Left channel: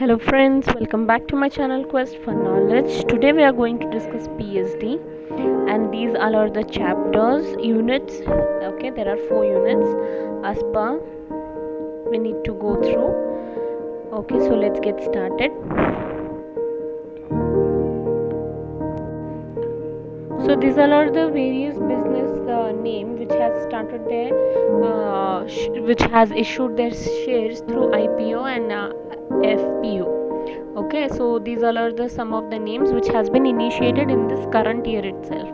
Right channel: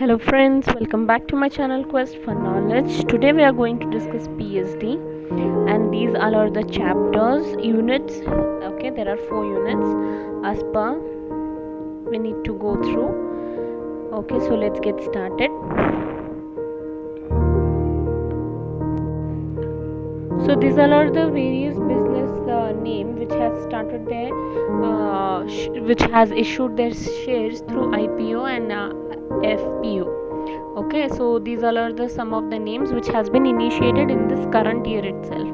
Hello friends, welcome back to my channel Quest for Knowledge. Today we are going to discuss PSD and these are the chapters, units. Okay, there are 4 units as per we need to go through. Okay, so let's get started. So these are the various business name which has started their which has issued their shares through IPO and FPO. Okay, so these are the some of the names which has been initiated in this current year itself.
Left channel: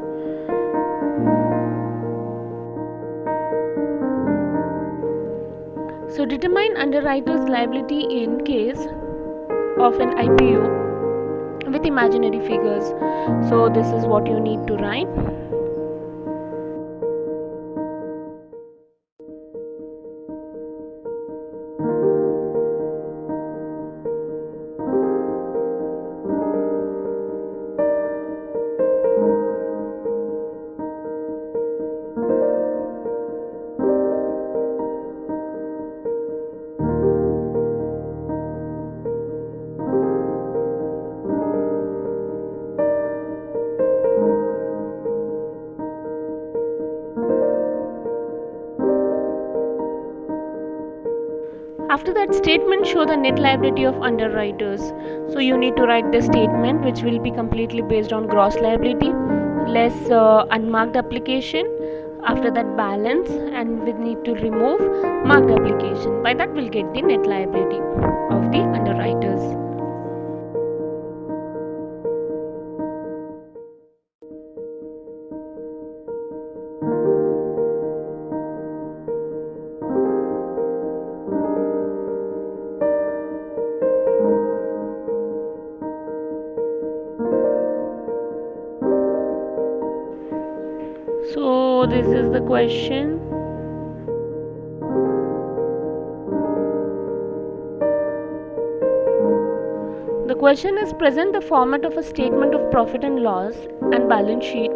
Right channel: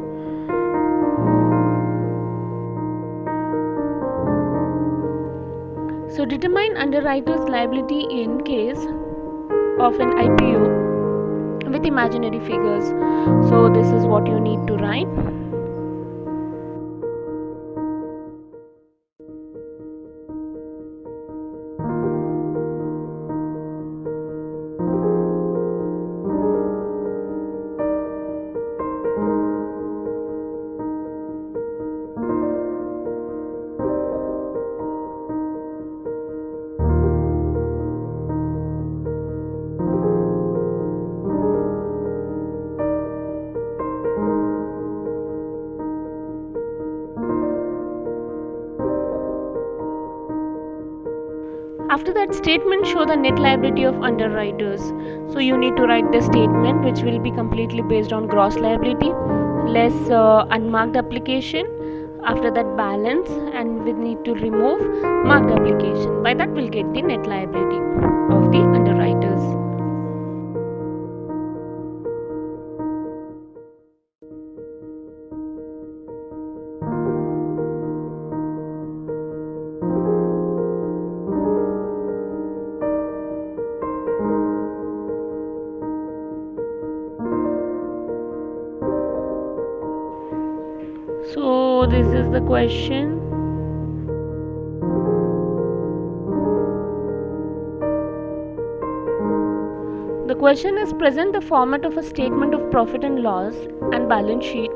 So determine underwriter's liability in case of an IPO with imaginary figures. So this is what you need to write. After that statement, show the net liability of underwriters. So you need to write the statement which will be completely based on gross liability less unmarked application. After that balance, and we need to remove marked application. By that we'll get the net liability of the underwriters. So this is the question. The question is present the format of a statement of profit and loss and balance sheet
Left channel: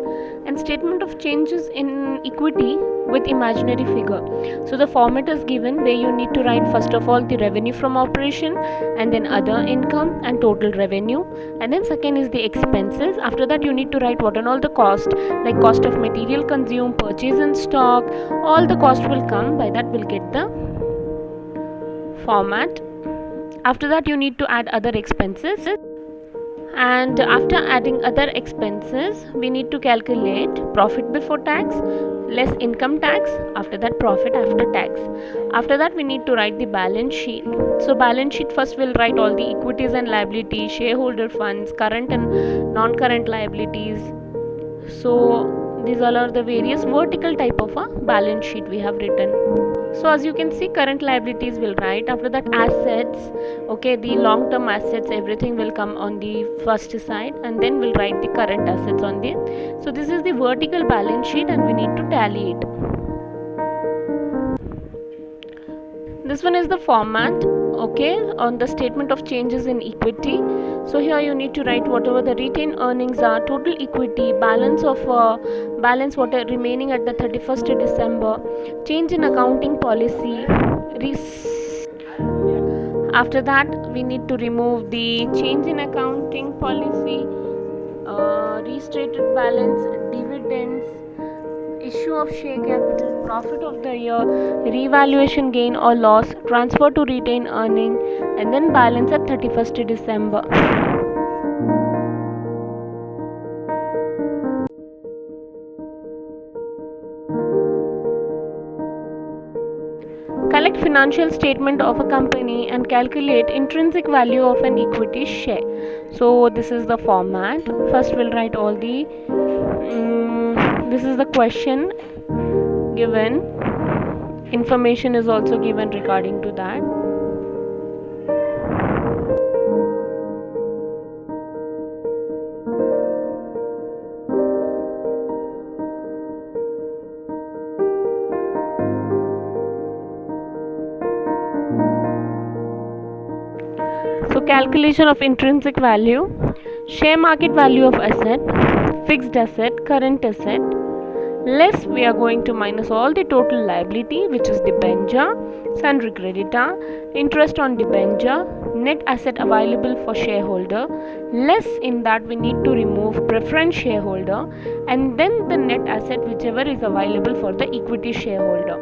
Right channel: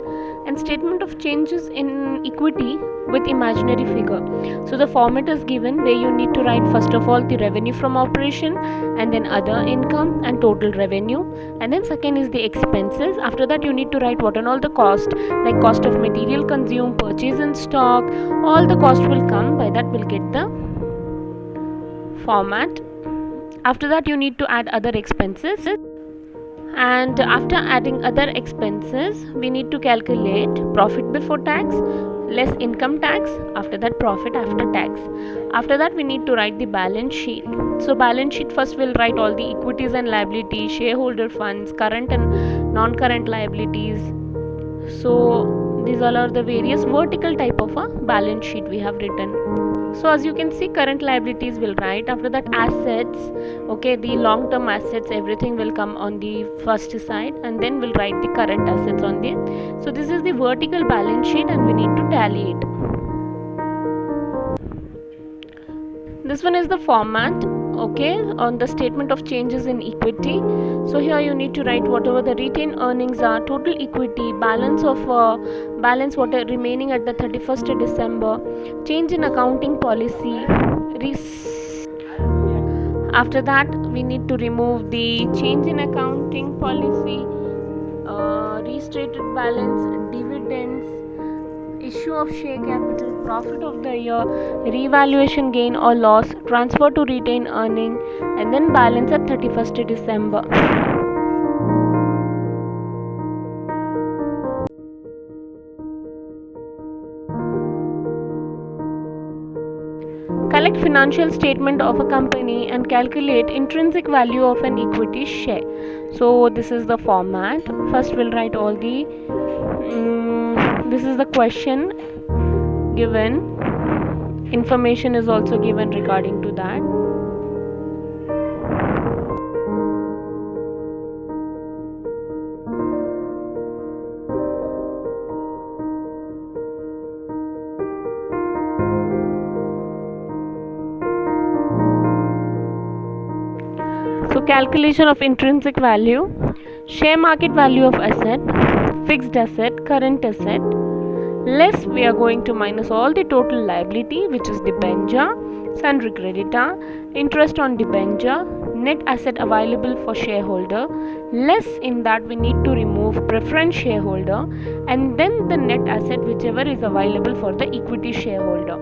and statement of changes in equity with imaginary figure. So the format is given where you need to write first of all the revenue from operation and then other income and total revenue, and then second is the expenses. After that you need to write what and all the cost, like cost of material consumed, purchase in stock, all the cost will come. By that we'll get the format. After that you need to add other expenses, and after adding other expenses we need to calculate profit before tax less income tax, after that profit after tax. After that we need to write the balance sheet. So balance sheet first we'll write all the equities and liabilities, shareholder funds, current and non-current liabilities. So these all are the various vertical type of a balance sheet we have written. So as you can see, current liabilities will write. After that assets, okay, the long term assets, everything will come on the first side, and then we'll write the current assets on the. So this is the vertical balance sheet and we need to tally it. This one is the format, okay, on the statement of changes in equity. So here you need to write whatever the retained earnings are, total equity, balance of balance what are remaining at the 31st December, change in accounting policy. After that we need to remove the change in accounting policy, restated balance, dividends, issue of share capital, profit of the year, revaluation gain or loss, transfer to retained earning, and then balance at 31st December. Collect financial statement of a company and calculate intrinsic value of an equity share. So this is the format. First we'll write all the this is the question given. Information is also given regarding to that. So calculation of intrinsic value, share market value of asset, fixed asset, current asset, less we are going to minus all the total liability which is debenture, sundry creditor, interest on debenture, net asset available for shareholder, less in that we need to remove preference shareholder, and then the net asset whichever is available for the equity shareholder.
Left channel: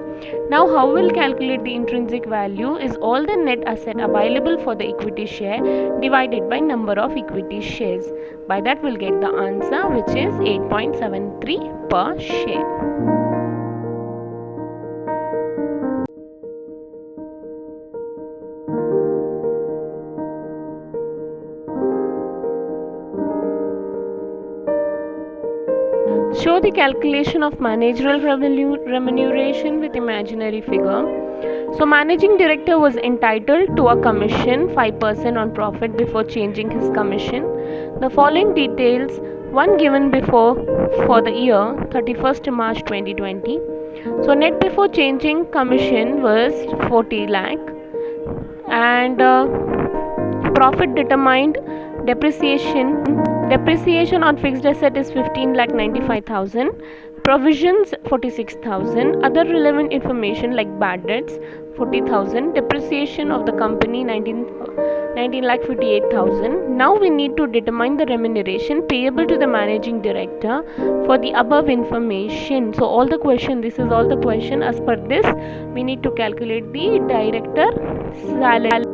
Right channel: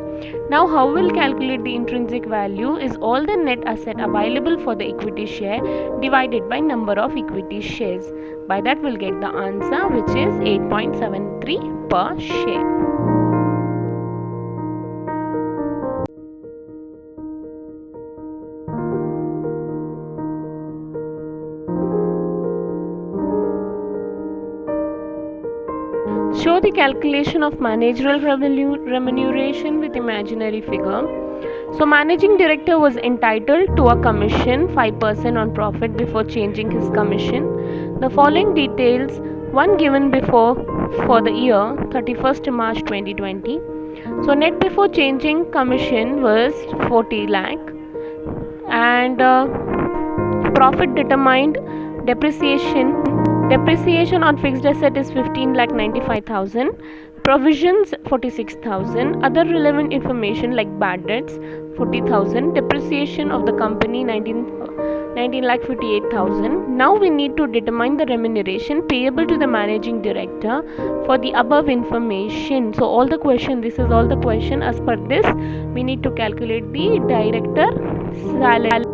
Now how we'll calculate the intrinsic value is all the net asset available for the equity share divided by number of equity shares. By that we'll get the answer, which is 8.73 per share. Show the calculation of managerial remuneration with imaginary figure. So managing director was entitled to a commission 5% on profit before changing his commission. The following details one given before for the year 31st March 2020. So net before changing commission was 40 lakh, and profit determined. Depreciation on fixed asset is 15,95,000. Provisions 46,000. Other relevant information like bad debts 40,000. Depreciation of the company 19,58,000. Now we need to determine the remuneration payable to the managing director for the above information. So all the question, this is all the question. As per this, we need to calculate the director salary.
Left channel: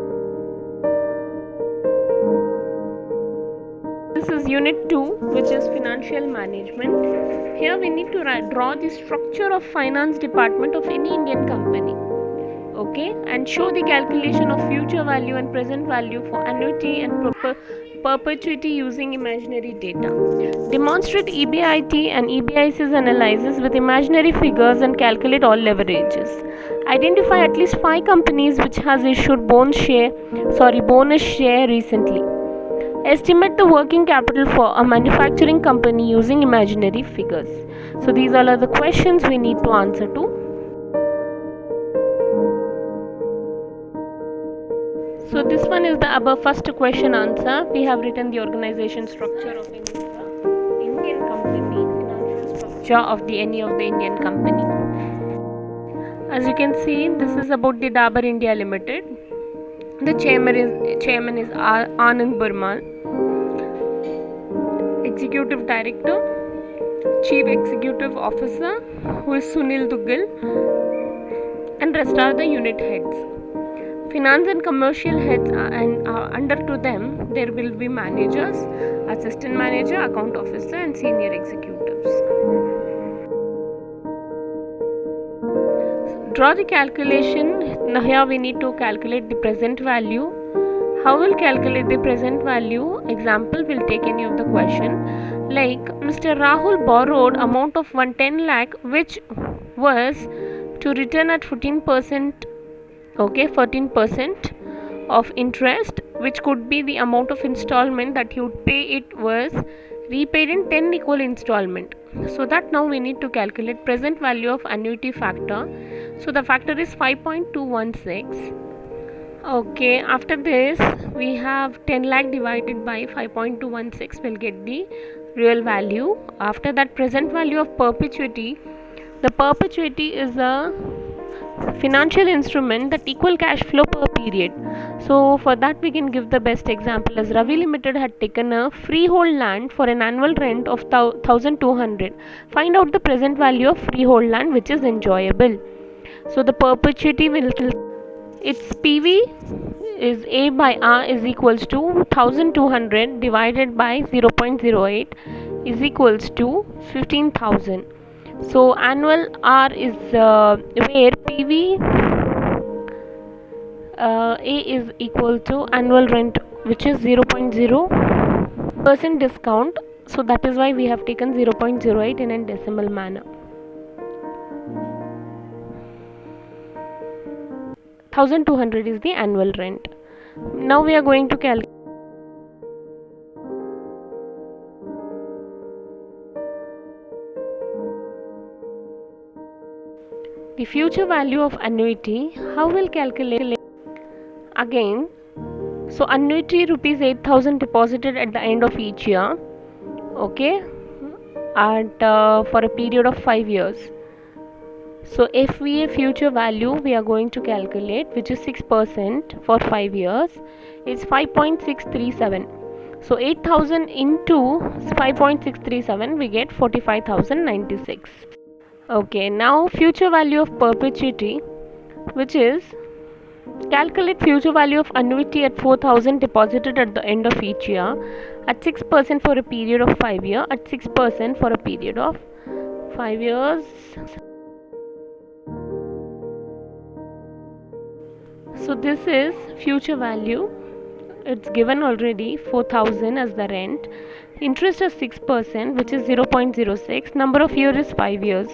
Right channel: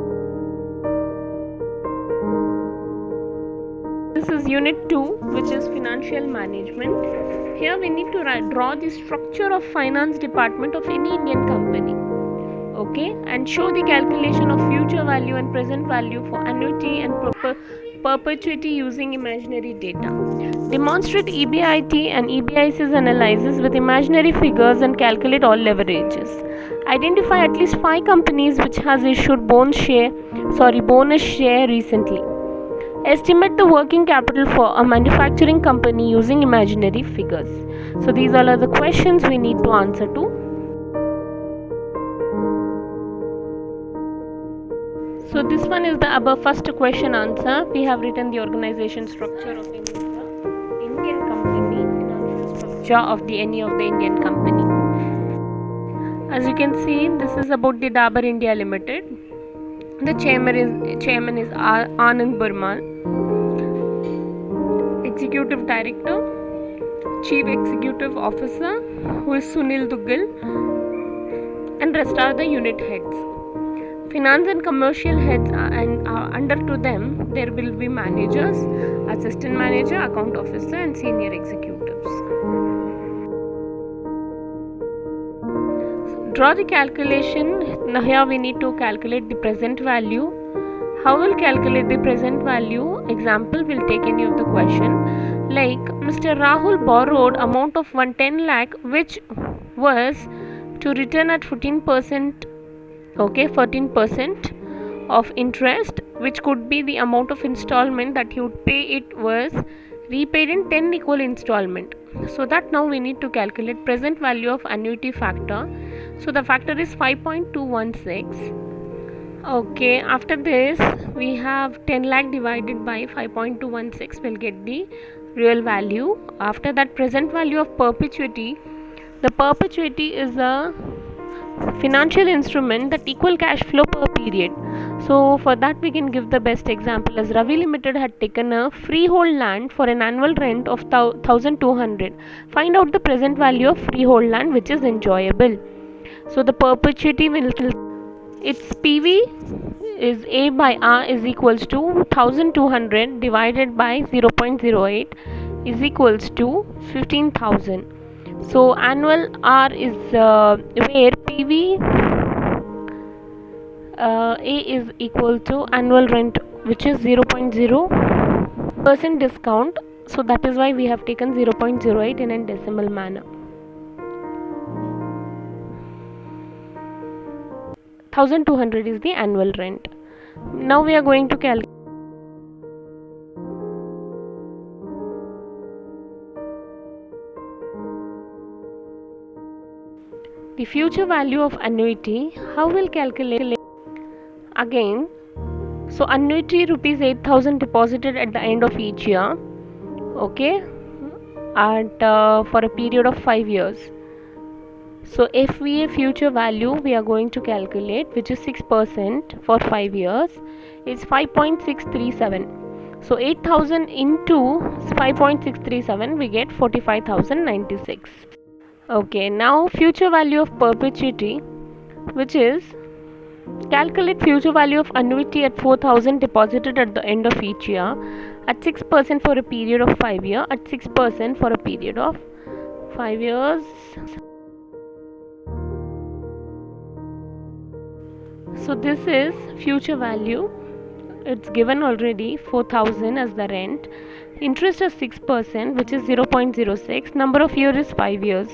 This is unit 2, which is financial management. Here we need to draw the structure of finance department of any Indian company. Okay, and show the calculation of future value and present value for annuity and perpetuity using imaginary data. Demonstrate EBIT and EBIC's analysis with imaginary figures and calculate all leverages. Identify at least 5 companies which has issued bonus share recently. Estimate the working capital for a manufacturing company using imaginary figures. So these all are the questions we need to answer to. So this one is the above first question answer. We have written the organization structure of Indian company, financial structure of any of the Indian company. As you can see, this is about the Dabur India Limited. The chairman is Anand Burman. Executive Director, Chief Executive Officer, who is Sunil Duggal, and rest are the unit heads. Finance and commercial heads and under to them there will be managers, assistant manager, account officer, and senior executives. Draw the calculation. Now here we need to calculate the present value. How will calculate the present value? Example, will take any of the question. Like Mr. Rahul borrowed amount of 110 lakh, which was to return at 14%. Okay, 14% of interest, which could be the amount of installment that he would pay. It was repaid in 10 equal installment. So that now we need to calculate present value of annuity factor. So the factor is 5.216. Okay, after this we have 10 lakh divided by 5.216 will get the real value. After that, present value of perpetuity. The perpetuity is a financial instrument that equal cash flow per period. So for that we can give the best example as Ravi Limited had taken a freehold land for an annual rent of 1,200. Find out the present value of freehold land which is enjoyable. So the perpetuity will, its PV is A by R is equals to 1,200 divided by 0.08 is equals to 15,000. So annual R is where PV A is equal to annual rent, which is 0.0% discount. So that is why we have taken 0.08 in a decimal manner. 1,200 is the annual rent. Now we are going to calculate the future value of annuity. How will calculate? Again, so annuity rupees 8,000 deposited at the end of each year. Okay, and for a period of 5 years. So FVA future value we are going to calculate, which is 6% for 5 years. is 5.637. So 8,000 into 5.637, we get 45,096. Okay, now future value of perpetuity, which is calculate future value of annuity at 4,000 deposited at the end of each year at 6% for a period of 5 years, at 6% for a period of 5 years. So this is future value. It's given already 4,000 as the rent. Interest is 6%, which is 0.06. Number of years is 5 years.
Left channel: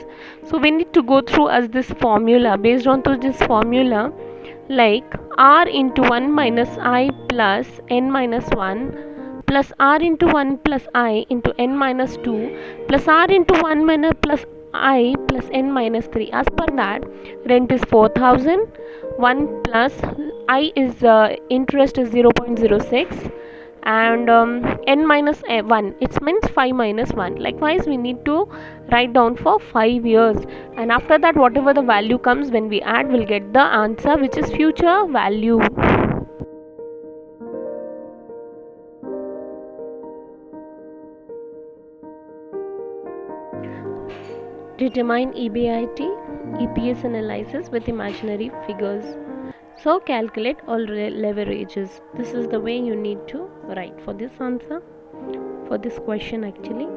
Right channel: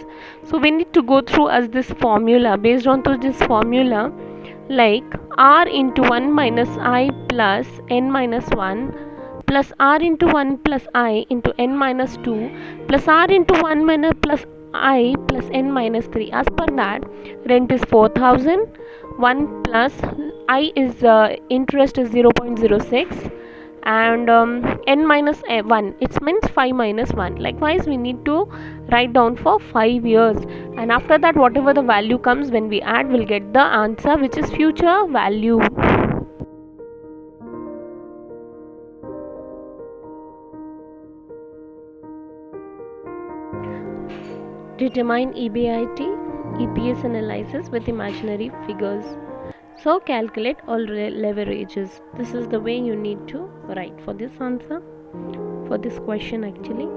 So we need to go through as this formula. Based on to this formula, like r into 1 minus I plus n minus 1 plus r into 1 plus I into n minus 2 plus r into 1 minus plus I plus n minus 3. As per that, rent is 4,000. 1 plus I is interest is 0.06, and n minus 1, it means 5 minus 1. Likewise, we need to write down for 5 years, and after that whatever the value comes, when we add, we'll get the answer, which is future value. Determine EBIT, EPS analysis with imaginary figures. So calculate all leverages. This is the way you need to write for this answer, for this question actually.